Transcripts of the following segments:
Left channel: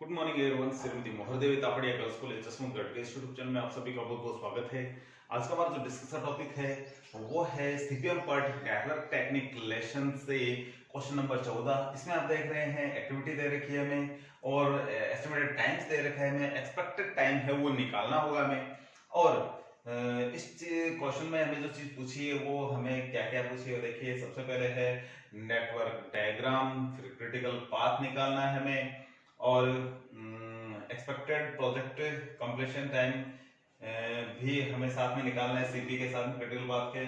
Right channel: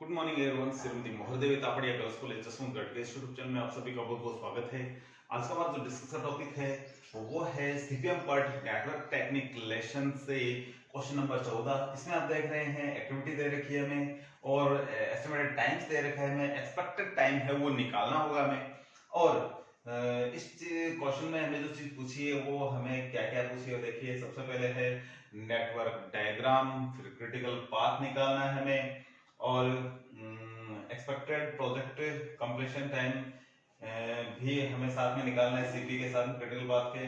Good morning everyone. Shrimati Mohardevi Tapadia girls college Jaswantgarh के YouTube channel में आप सभी का बहुत बहुत स्वागत है। आज का हमारा जो डिस्कशन टॉपिक है वो है CPM part network technique lesson से क्वेश्चन नंबर 14। इसमें आप देख रहे हैं एक्टिविटी दे रखी है हमें और एस्टिमेटेड टाइम्स दे रखा है हमें, एक्सपेक्टेड टाइम है वो निकालना होगा हमें। और इस क्वेश्चन में हमें जो चीज पूछी है वो हमें क्या क्या पूछी है देखिए। सबसे पहले है नेटवर्क डायग्राम, फिर क्रिटिकल पाथ निकालना है हमें और एक्सपेक्टेड प्रोजेक्ट कंप्लीशन टाइम भी हमें साथ में निकालना है सीपी के साथ में क्रिटिकल पाथ के।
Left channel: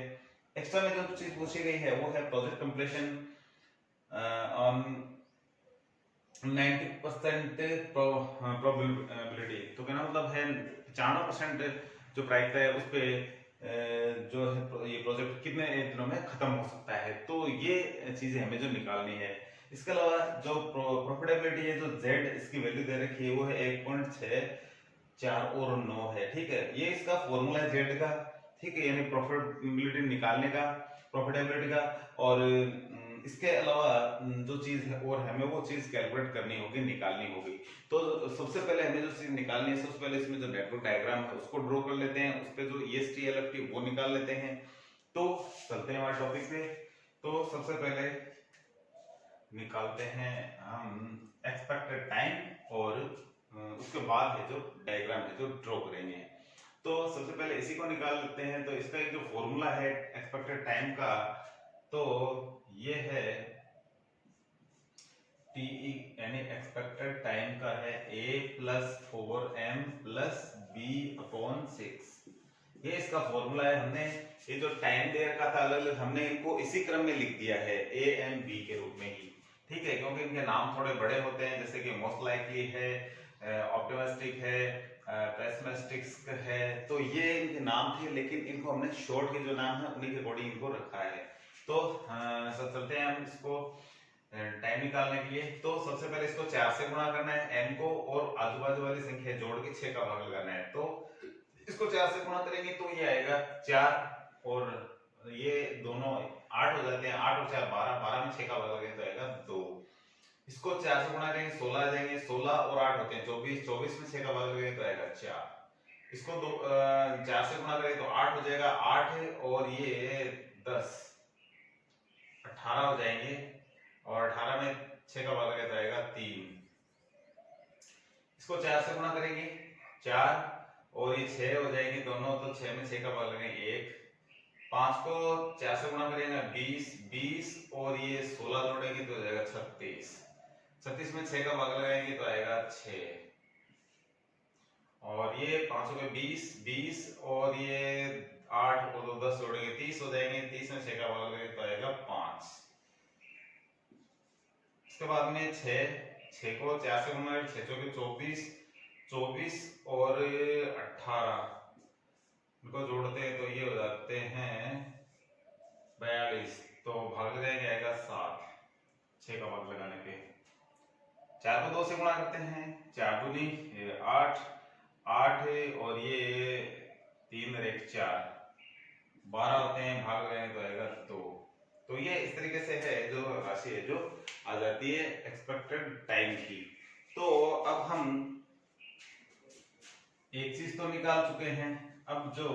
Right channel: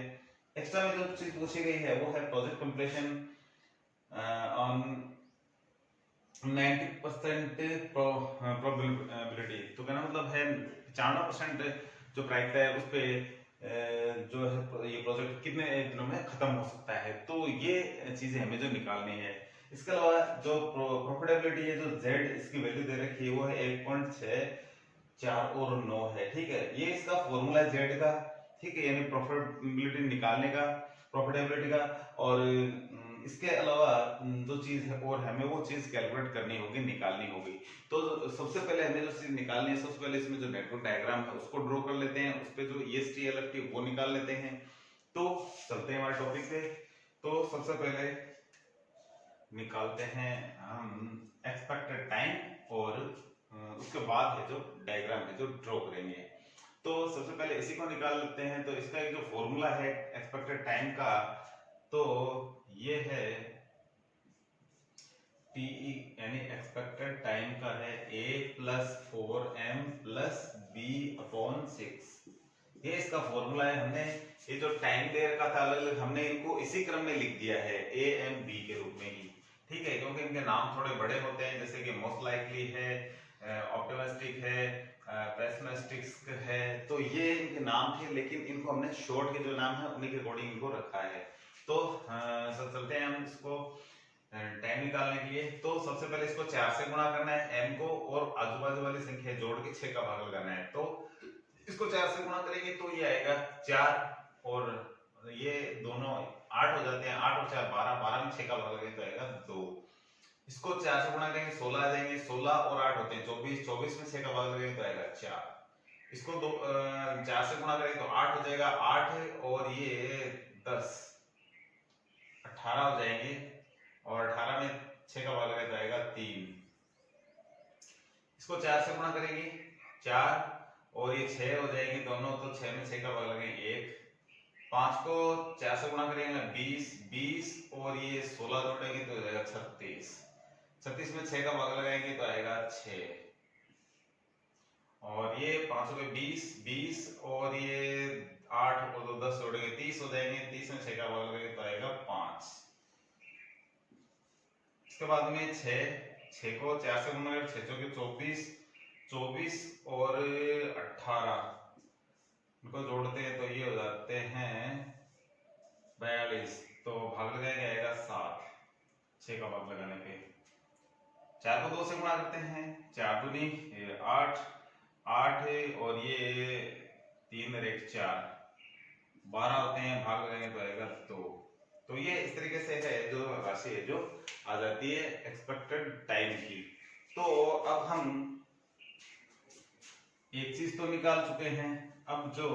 एक्स्ट्रा में जो चीज पूछी गई है वो है प्रोजेक्ट कंप्लीशन ऑन 90% प्रोबेबिलिटी। तो कहना मतलब है 95% जो प्रायिकता है उस पे जो है ये प्रोजेक्ट कितने दिनों में खत्म हो सकता है। तो ये चीजें हमें जो निकालनी है। इसके अलावा जो प्रॉफिटेबिलिटी है, जो जेड इसकी वैल्यू दे रखी है वो है 1.64 और 9 है। ठीक है, ये इसका फॉर्मूला है जेड का। ठीक है, यानी प्रॉफिटेबिलिटी निकालने का, प्रॉफिटेबिलिटी का। और इसके अलावा जो चीज है और हमें वो चीज कैलकुलेट करनी होगी, निकालनी होगी। तो सबसे पहले हमें जो चीज निकालनी है, सबसे पहले इसमें जो नेटवर्क डायग्राम है उसको ड्रॉ कर लेते हैं, उस पे जो EST LFT वो निकाल लेते हैं। तो चलते हैं हमारे टॉपिक पे। तो सबसे पहले निकालते हैं हम एक्सपेक्टेड टाइम और उसके बाद है जो डायग्राम है जो ड्रॉ करेंगे। तो सबसे पहले इसी को निकाल लेते हैं। तो इसका एक जो फॉर्मूला है एक्सपेक्टेड टाइम का, तो ये है टीई यानी एक्सपेक्टेड टाइम का है A+4M+B/6। ये इसका फॉर्मूला है। हमने ये जो टाइम दे रखा था अलग अलग, हमने इनको इसी क्रम में लिख दिया है A, M, B के रूप में ही। ठीक है, क्योंकि इनके नाम थोड़े बड़े होते हैं, जैसे कि मोस्ट लाइकली है, ऑप्टिमिस्टिक है, पेसिमिस्टिक है। तो ये इनके नाम थे, लेकिन इनको हमने शॉर्ट के जो नाम है उन्हीं के अकॉर्डिंग इनको रखा है। तो चलते हैं हम इसको टाइम निकालने के लिए। तो सबसे पहले इसको 4 से गुणा करना है m को, और आजू बाजू वाली संख्या जोड़ के 6 का भाग लगाना है। तो इसको 4 से गुणा करेंगे तो ये आएगा 4, और ये दोनों 8 हो जाते हैं। 8 और 4 12, 12 में 6 का भाग लगेगा तो आएगा 2। इसको 4 से गुणा करेंगे 16 आ जाएंगे, 16 और 8 होते हैं 24, 24 में 6 का भाग लगेगा तो आएगा 4। इसको 4 से गुणा करेंगे तो 8 हो जाएगा, 8 और ये 10 18 हो जाएंगे, और 18 में 6 का भाग लगेगा तो आएगा 3। इसको 4 से गुणा करेंगे 4 और ये 6 हो जाएंगे दोनों, तो 6 में 6 का भाग लगेगा 1। 5 को 4 से गुणा करेंगे 20, 20 और ये 16 जोड़ेंगे तो हो जाएगा 36। 36 में 6 का भाग लगाएंगे तो आएगा 6। और ये 5 को 20, 20 और ये 8 और 10 जोड़ेंगे 30 हो जाएंगे। 30 में 6 का भाग लगेगा तो आएगा 5। इसके बाद में 6 को 4 से गुणा करें 6 चौके 24, 24 और 18 इनको जोड़ते हैं तो ये हो जाते हैं 42। तो भाग लगाएंगे आएगा 7, 6 का भाग लगाने पे। 4 को 2 से गुणा करते हैं, 4 दूनी 8, 8 और ये 3 और 1 4, 12 होते हैं, भाग लगाएंगे तो आएगा 2। तो ये इस तरीके से है जो राशि है जो आ जाती है एक्सपेक्टेड टाइम की। तो अब हम एक चीज तो निकाल चुके हैं, अब जो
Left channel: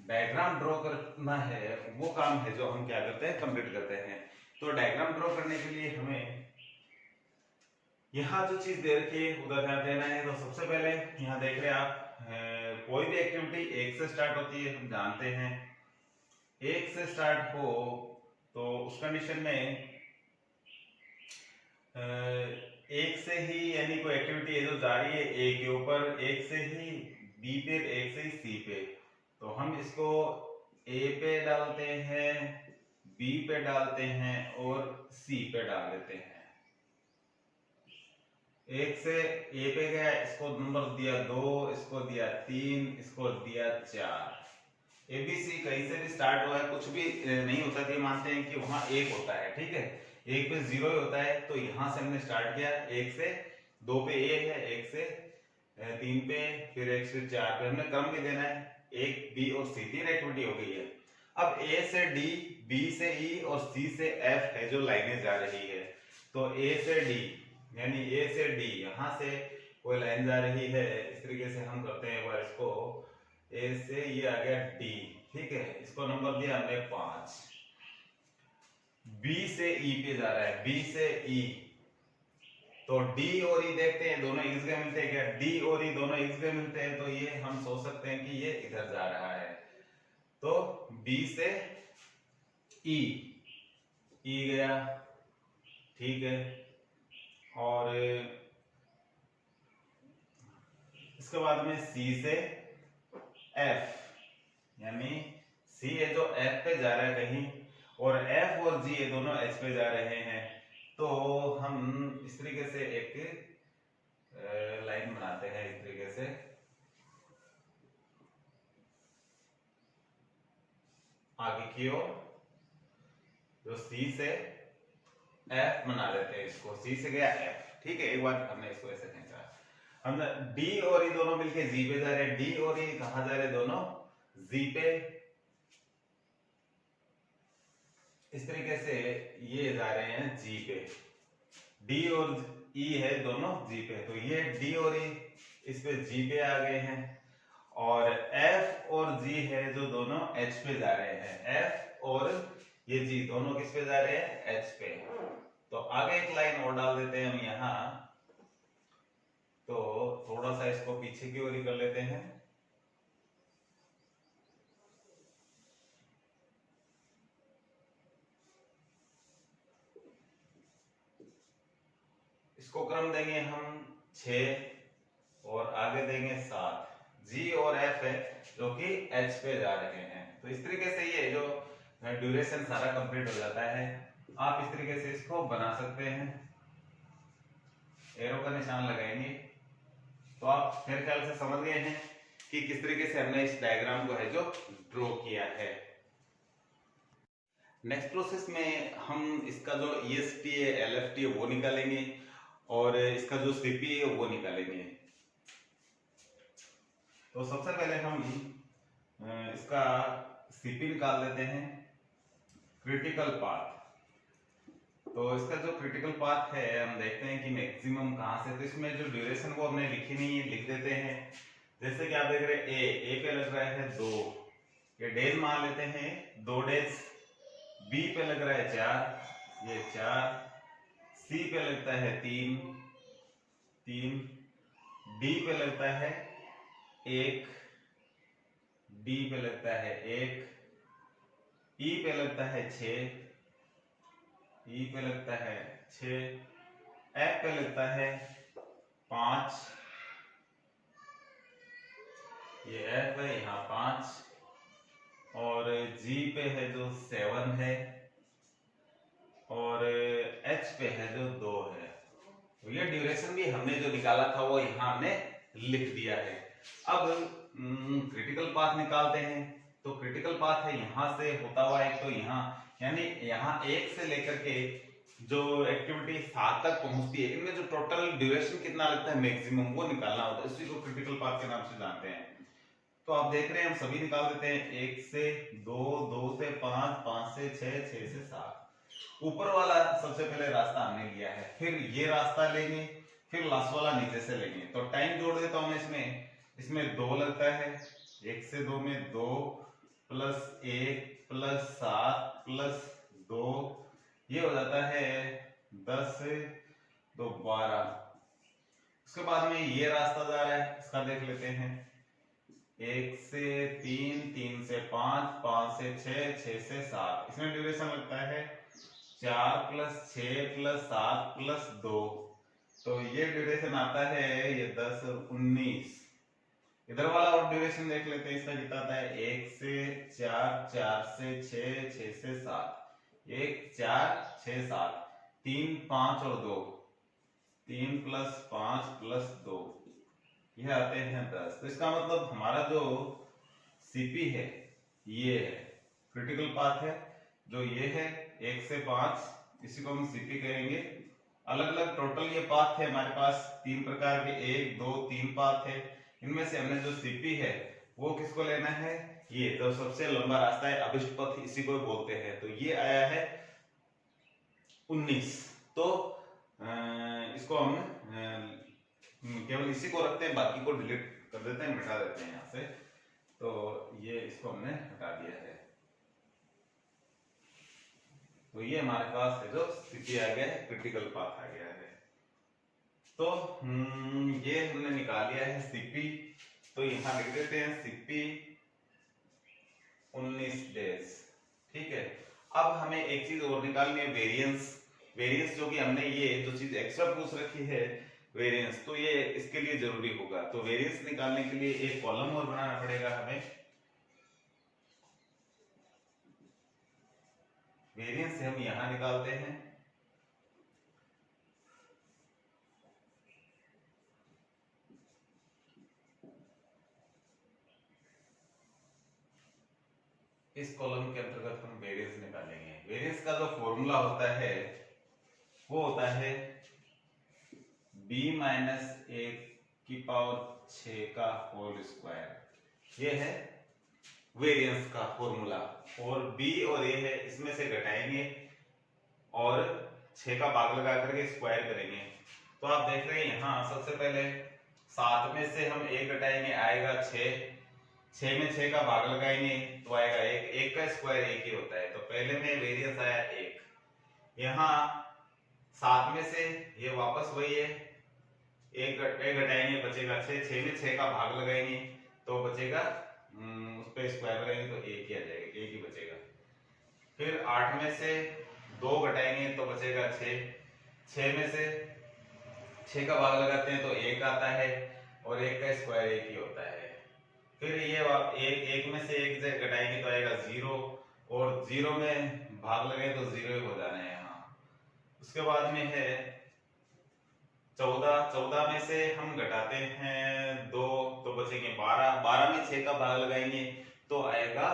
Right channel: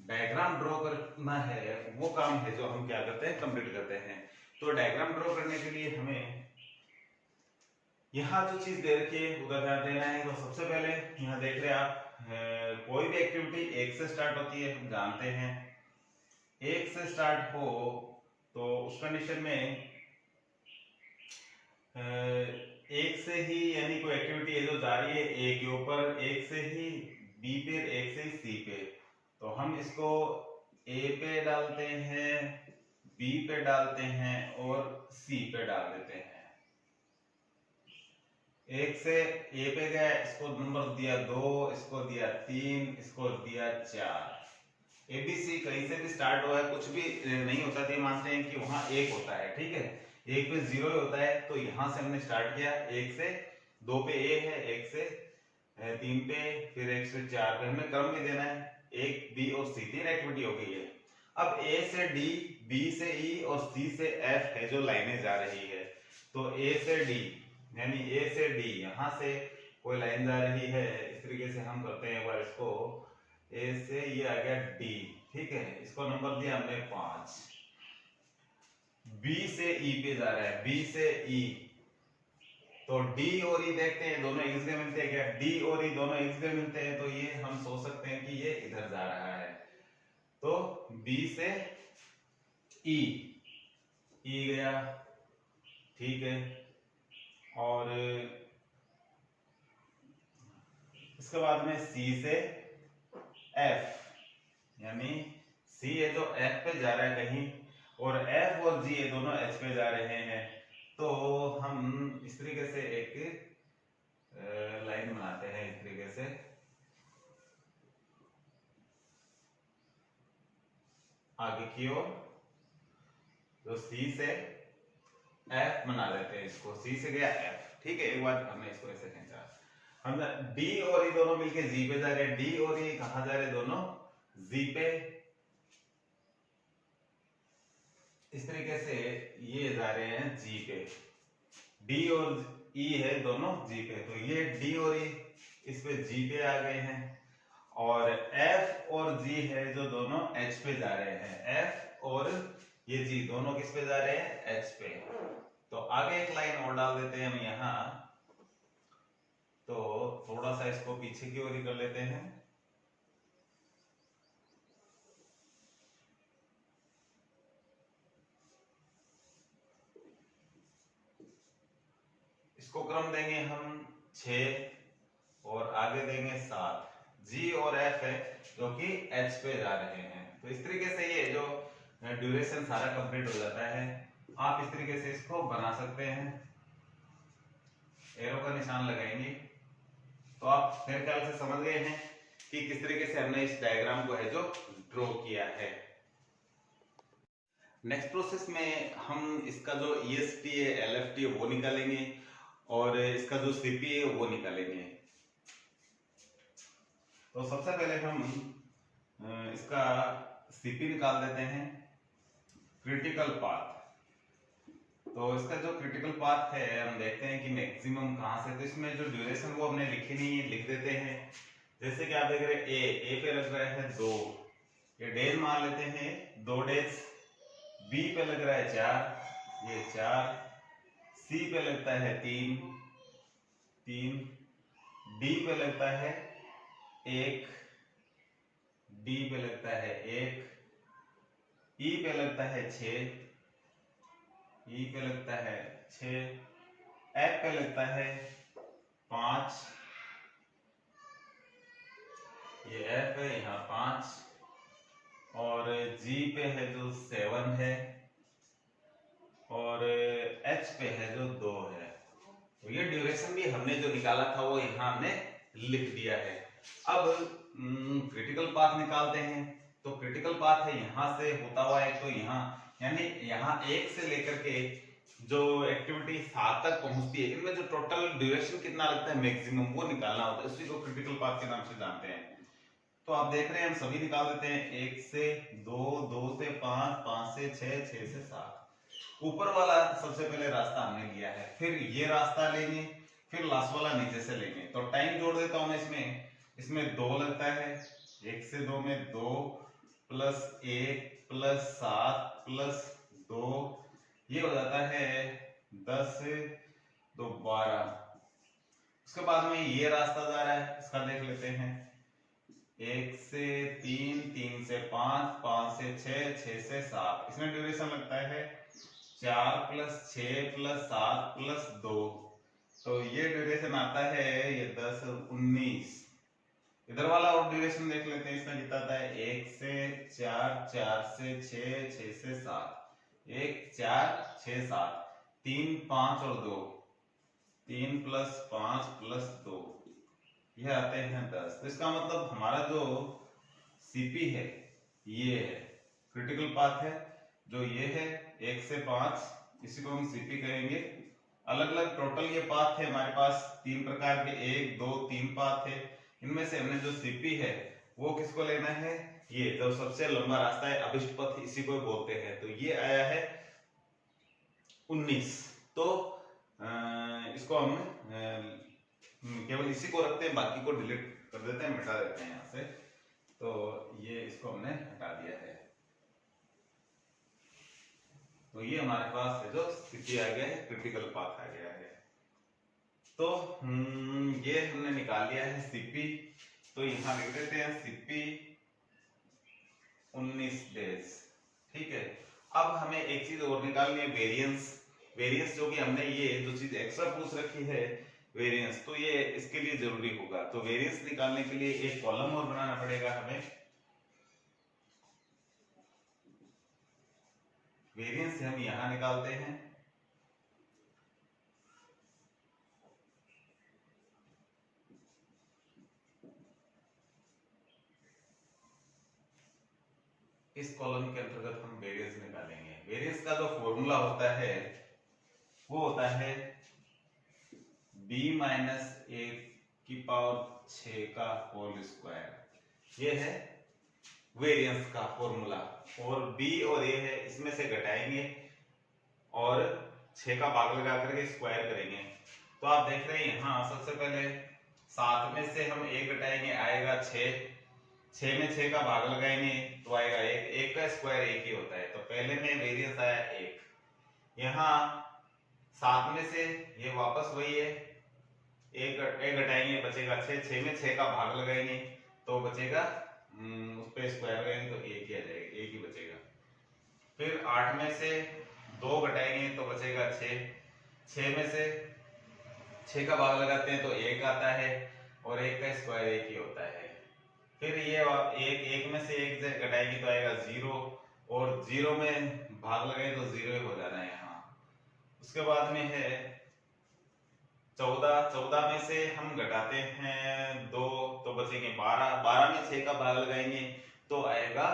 डायग्राम ड्रॉ करना है वो काम है जो हम क्या करते हैं, कंप्लीट करते हैं। तो डायग्राम ड्रॉ करने के लिए हमें यहाँ जो चीज दे रखी है उधर ध्यान देना है। तो सबसे पहले यहाँ देख रहे हैं आप, कोई भी एक्टिविटी 1 से स्टार्ट होती है, हम जानते हैं 1 से स्टार्ट हो तो उस कंडीशन में 1 से ही, यानी कोई एक्टिविटी है जो जा रही है A के ऊपर, 1 से ही B पे, 1 से ही C पे, तो हम इसको A पे डालते हैं, B पे डालते हैं और C पे डाल देते हैं। 1 से A पे गया, इसको नंबर दिया 2, इसको दिया 3, इसको दिया 4। ABC कहीं से भी स्टार्ट हुआ है, कुछ भी नहीं होता तो मानते हैं कि वहां 1 होता है। ठीक है, 1 पे 0 ही होता है। तो यहां से हमने स्टार्ट किया 1 से, 2 पे A है, 1 से 3 पे, फिर 1 से 4 पे। हमने क्रम भी देना है, 1 B और C, 3 एक्टिविटी हो गई है। अब A से D, B से E और C से F है जो लाइनें जा रही है। तो A से D यानी ए से डी, यहां से कोई लाइन जा रही है, इस तरीके से हम करते हैं एक बार इसको, ए से ये आ गया डी, ठीक है, इसको नंबर दिया हमने 5। बी से ई पे जा रहा है, बी से ई, तो डी और ई देखते हैं दोनों एक जगह मिलते हैं क्या, डी और ई दोनों एक जगह मिलते हैं, तो ये हम सोच सकते हैं कि ये इधर जा रहा है, तो बी से ई, ई गया, ठीक है, और इसके बाद में सी से एफ, यानी सी है जो एफ पे जा रहा है कहीं, और एफ और जी ये दोनों एच पे जा रहे हैं, तो हम इस तरीके से एक लाइन बनाते हैं, इस तरीके से आगे की ओर, जो सी से एफ बना देते हैं, इसको सी से गया एफ, ठीक है, एक बार हमने इसको ऐसे खींचा, हम डी और ई दोनों मिलके जी पे जा रहे हैं, डी और ई कहां जा रहे हैं, दोनों जी पे, इस तरीके से ये जा रहे हैं जी पे, डी और ई है दोनों जी पे, तो ये डी और ई इस पे जी पे आ गए हैं, और एफ और जी है जो दोनों एच पे जा रहे हैं, एफ और ये जी दोनों किस पे जा रहे हैं, एच पे, तो आगे एक लाइन और डाल देते हैं हम यहां, तो थोड़ा सा इसको पीछे की ओर ही कर लेते हैं, इसको क्रम देंगे हम 6 और आगे देंगे 7, जी और एफ है जो कि एच पे जा रहे हैं, तो इस तरीके से ये जो ड्यूरेशन सारा कंप्लीट हो जाता है, आप इस तरीके से इसको बना सकते हैं, एरो का निशान लगाएंगे, तो आप मेरे ख्याल से समझ गए हैं कि किस तरीके से हमने इस डायग्राम को है जो ड्रॉ किया है। नेक्स्ट प्रोसेस में हम इसका जो EST है, LFT है वो निकालेंगे, और इसका जो CP है वो निकालेंगे। तो सबसे पहले हम इसका CP निकाल देते हैं, क्रिटिकल पाथ। तो इसका जो क्रिटिकल पाथ है हम देखते हैं कि मैक्सिमम कहां से, तो इसमें जो ड्यूरेशन वो हमने लिखी नहीं है, लिख देते हैं, जैसे कि आप देख रहे हैं ए पे लग रहा है 2, ये डेज मान लेते हैं 2 डेज, बी पे लग रहा है 4, ये 4, सी पे लगता है 3, डी पे लगता है 1, डी पे लगता है 1, ई पे लगता है 6, ई पे लगता है 6, एफ पे लगता है 5, ये एफ है यहाँ 5, और जी पे है जो 7 है, और एच पे है जो 2 है, तो ये ड्यूरेशन भी हमने जो निकाला था वो यहाँ हमने लिख दिया है। अब क्रिटिकल पाथ निकालते हैं, तो क्रिटिकल पाथ है यहाँ से होता हुआ एक, तो यहाँ यानी यहाँ 1 से लेकर के जो एक्टिविटी 7 तक पहुंचती है, इनमें जो टोटल ड्यूरेशन कितना लगता है मैक्सिमम वो निकालना होता है, इसी को क्रिटिकल पाथ के नाम से जानते हैं। तो आप देख रहे हैं हम सभी निकाल देते हैं, 1 से 2, 2 से 5, 5 से 6, 6 से 7, ऊपर वाला सबसे पहले रास्ता हमने लिया है, फिर ये रास्ता लेंगे, फिर लास्ट वाला नीचे से लेंगे, तो टाइम जोड़ देता हूं मैं इसमें 2 लगता है, 1 से 2 में 2 प्लस 1 प्लस 7 प्लस 2, ये हो जाता है 10 से 2 12। उसके बाद में ये रास्ता जा रहा है, इसका देख लेते हैं, 1 से 3, 3 से 5, 5 से 6, 6 से 7, इसमें ड्यूरेशन लगता है 4 प्लस 6 प्लस 7 प्लस 2, तो ये ड्यूरेशन आता है ये 10 19। इधर वाला और ड्यूरेशन देख लेते हैं, इसका कितना आता है, 1 से 4, 4 से 6, 6 से 7, 1 4 6 7, 3 5 और 2, 3 प्लस 5 प्लस 2, ये आते हैं 10। तो इसका मतलब हमारा जो CP है ये है, क्रिटिकल पाथ है जो ये है 1 से 5, इसी को हम CP कहेंगे। अलग अलग टोटल ये पाथ है हमारे पास 3 प्रकार के, 1 2 3 पाथ है, इनमें से हमने जो CP है वो किसको लेना है, ये जो सबसे लंबा रास्ता है अभिष्ट पथ, इसी को बोलते हैं। तो ये आया है 19। तो इसको हम केवल इसी को रखते हैं, बाकी को डिलीट कर देते हैं, मिटा देते हैं यहाँ से। तो ये इसको हमने हटा दिया है। तो ये हमारे पास है जो स्थिति आ गया है, क्रिटिकल पाथ आ गया है। तो ये हमने निकाल लिया है सीपी। तो यहाँ लिख देते हैं सीपी 19 डेज। ठीक है, अब हमें एक चीज और निकालनी है, वेरिएंस। वेरिएंस जो कि हमने ये जो चीज एक्स्ट्रा पूछ रखी है वेरिएंस, तो ये इसके लिए जरूरी होगा। तो वेरिएंस निकालने के लिए एक कॉलम और बनाना पड़ेगा हमें। वेरिएंस हम यहां निकालते हैं। इस कॉलम के अंतर्गत हम वेरिएंस निकालेंगे। वेरिएंस का जो फॉर्मूला होता है वो होता है b माइनस 1 की पावर 6 का होल स्क्वायर। ये है वेरिएंस का फॉर्मूला। और b और a है, इसमें से घटाएंगे और 6 का भाग लगा करके स्क्वायर करेंगे। तो आप देख रहे हैं यहाँ सबसे पहले 7 में से हम 1 घटाएंगे, आएगा 6। 6 में 6 का भाग लगाएंगे तो आएगा 1। 1 का स्क्वायर 1 ही होता है। तो पहले में वेरिएंस आया 1। यहाँ 7 में से ये वापस वही है, 1 घटाएंगे बचेगा 6। 6 में 6 का भाग लगाएंगे तो बचेगा, उस पे स्क्वायर लगाएंगे तो 1 ही आ जाएगा, 1 ही बचेगा। फिर 8 में से 2 घटाएंगे तो बचेगा 6। 6 में से 6 का भाग लगाते हैं तो 1 आता है और 1 का स्क्वायर 1 ही होता है। फिर ये 1 में से 1 घटाएंगे तो आएगा 0 और 0 में भाग लगाए तो 0 ही हो जाना है यहाँ। उसके बाद में है 14। 14 में से हम घटाते हैं 2 तो बचेंगे 12। 12 में 6 का भाग लगाएंगे तो आएगा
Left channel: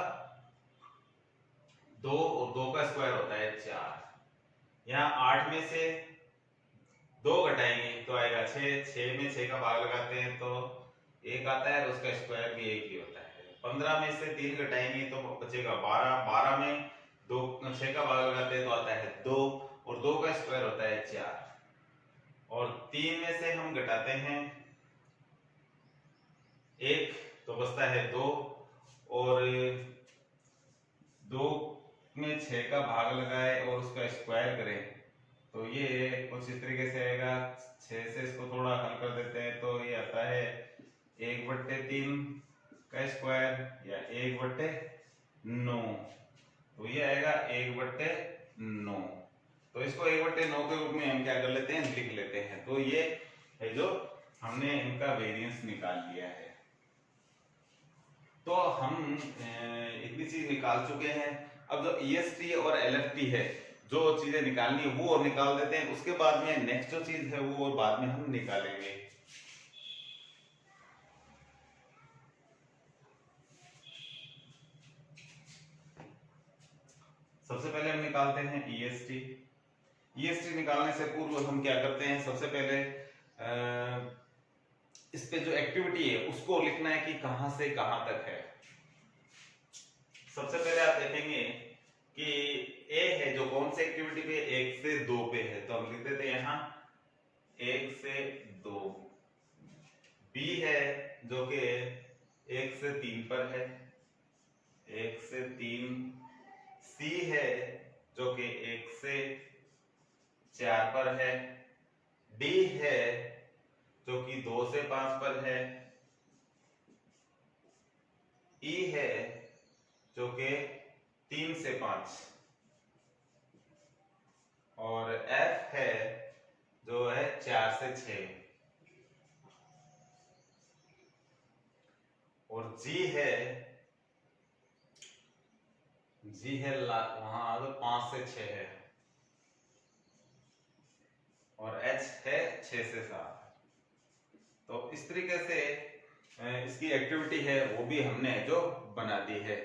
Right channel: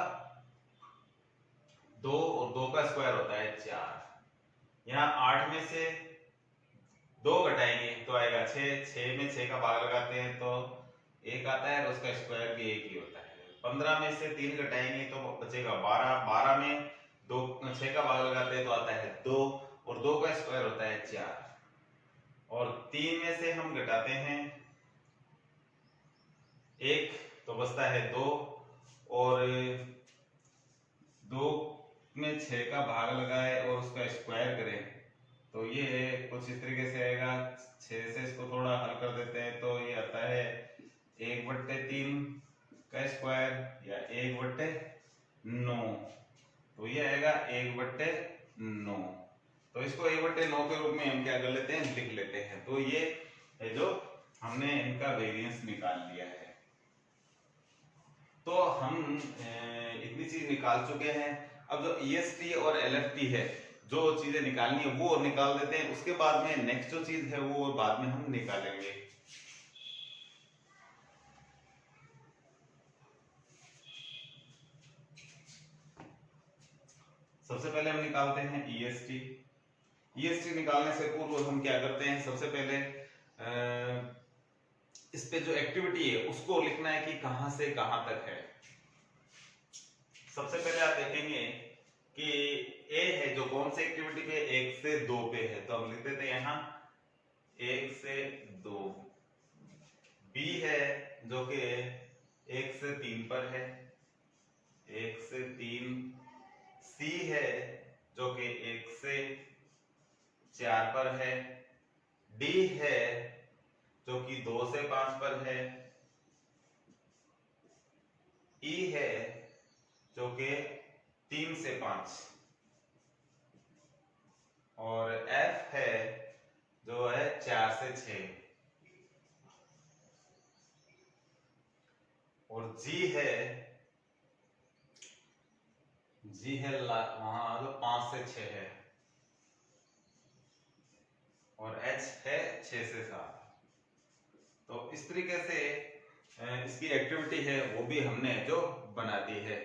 2 और 2 का स्क्वायर होता है 4। यहाँ 8 में से 2 घटाएंगे तो आएगा 6। 6 में 6 का भाग लगाते हैं तो 1 आता है और उसका स्क्वायर भी 1 ही होता है। 15 में से 3 घटाएंगे तो बचेगा 12। 12 में 6 का भाग लगाते हैं तो आता है 2 और 2 का स्क्वायर होता है 4। और 3 में से हम घटाते हैं 1 तो बचता है 2 और 2 में 6 का भाग लगाए और उसका स्क्वायर करें तो ये कुछ इस तरीके से आएगा। 6 से इसको थोड़ा हल कर देते हैं तो ये आता है 1/3 का स्क्वायर या 1/9। तो ये आएगा 1/9। तो इसको 1/9 के रूप में हम क्या कर लेते हैं, लिख लेते हैं। तो ये है जो हमने इनका वेरिएंस निकाल लिया है। तो हम इतनी चीज निकाल चुके हैं। अब जो EST और LFT है, जो चीजें निकालनी है वो और निकाल देते हैं। उसके बाद में नेक्स्ट जो चीज है वो और बाद में हम निकालेंगे। सबसे पहले हम निकालते हैं EST। EST निकालने से पूर्व हम क्या करते हैं, सबसे पहले इस पे जो एक्टिविटी है उसको लिखना है कि कहां से कहां तक है। सबसे पहले आप देखेंगे कि A है जो कौन सी एक्टिविटी पे, 1 से 2 पे है, तो हम लिख देते हैं यहाँ 1 से 2। B है जो कि 1 से 3 पर है, 1 से 3। C है जो कि 1 से 4 पर है। D है जो कि 2 से 5 पर है। E है जो कि 3 से 5 और F है जो है 4 से 6 और G है वहां जो 5 से 6 है और H है 6 से 7। तो इस तरीके से इसकी एक्टिविटी है वो भी हमने जो बना दी है।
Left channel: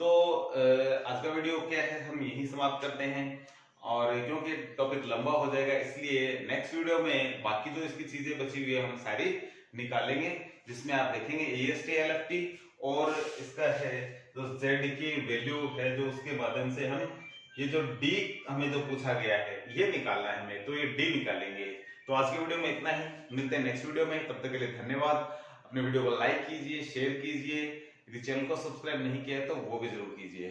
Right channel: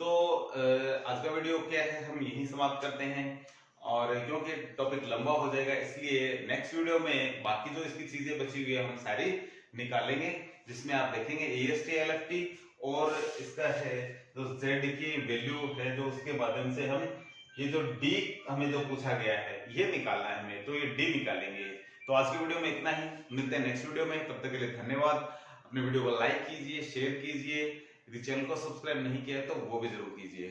तो आज का वीडियो क्या है हम यही समाप्त करते हैं, और क्योंकि टॉपिक लंबा हो जाएगा इसलिए नेक्स्ट वीडियो में बाकी जो इसकी चीजें बची हुई है हम सारी निकालेंगे, जिसमें आप देखेंगे EST LFT और इसका है जो Z की वैल्यू है जो उसके माध्यम से हम ये जो D हमें जो पूछा गया है ये निकालना है हमें, तो ये D निकालेंगे। तो आज की वीडियो में इतना ही, मिलते हैं नेक्स्ट वीडियो में, तब तक के लिए धन्यवाद। अपने वीडियो को लाइक कीजिए, शेयर कीजिए, यदि चैनल को सब्सक्राइब नहीं किया है तो वो भी जरूर कीजिए।